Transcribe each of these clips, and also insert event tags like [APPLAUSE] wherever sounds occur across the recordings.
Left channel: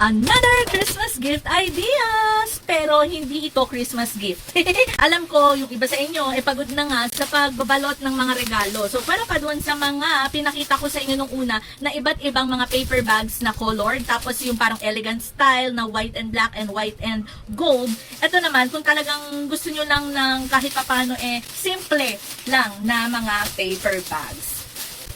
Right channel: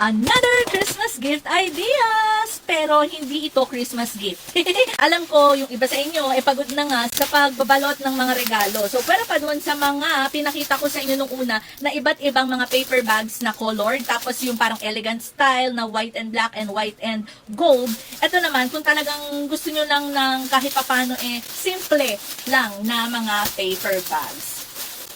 Another Christmas gift ideas! Pero hindi ito Christmas gift. [LAUGHS] Alam ko, yung iba sa inyo, eh pagod na nga sa pagbabalot ng mga regalo. So, para pa dun sa mga pinakita ko sa inyo nung una na iba't ibang mga paper bags na colored, tapos yung parang elegant style na white and black and white and gold. Ito naman, kung talagang gusto nyo lang ng kahit papano eh, simple lang na mga paper bags.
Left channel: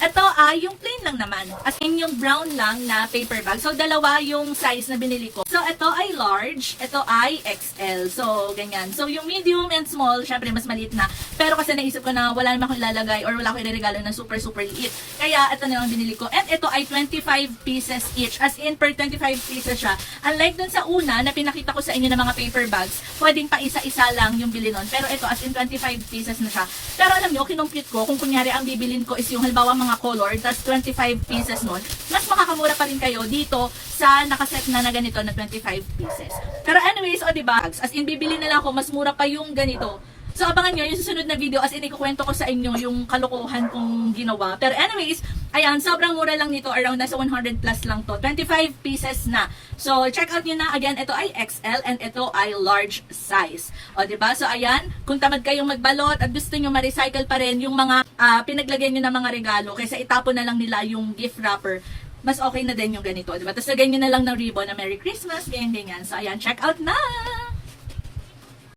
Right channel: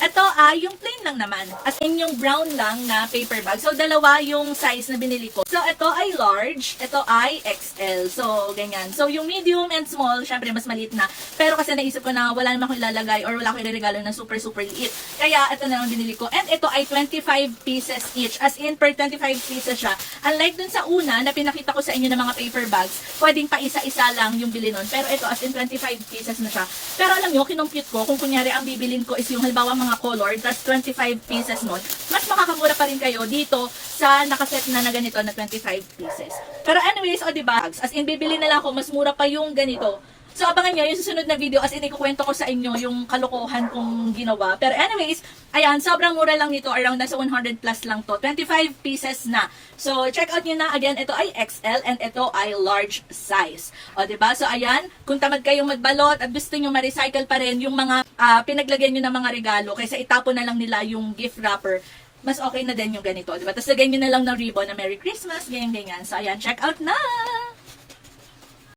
Ito ay yung plain lang naman. As in yung brown lang na paper bag. So, dalawa yung size na binili ko. So, ito ay large. Ito ay XL. So, ganyan. So, yung medium and small, syempre mas maliit na. Pero kasi naisip ko na wala naman akong ilalagay or wala akong ilalagay na super, super liit. Kaya, ito na lang binili ko. And ito ay 25 pieces each. As in, per 25 pieces siya. Unlike dun sa una na pinakita ko sa inyo ng mga paper bags, pwedeng pa isa-isa lang yung bili nun. Pero ito, as in 25 pieces na siya. Pero alam nyo, kinumpute ko, kung kunyari ang bibilin ko is yung halimbawa mga color, tas 25 pieces nun, mas makakamura pa rin kayo dito sa nakaset na na ganito na 25 pieces. Pero anyways, o diba, as in bibili na lang ako, mas mura pa yung ganito. So abangan nyo yung susunod na video as in ikukwento ko sa inyo yung kalokohan kong ginawa. Pero anyways, ayan, sobrang mura lang nito. Around nasa 100 plus lang to. 25 pieces na. So check out nyo na. Again, ito ay XL and ito ay large size. O ba diba? So ayan, kung tamad kayong magbalot at gusto nyo ma-recycle pa rin yung mga ah, pinaglagay nyo ng mga regalo kaysa itapon na lang nila yung gift wrapper mas okay na din yung ganito, di ba? Tapos lagay nyo na lang ng ribbon na Merry Christmas, ganyan, ganyan. So, ayan, check out na!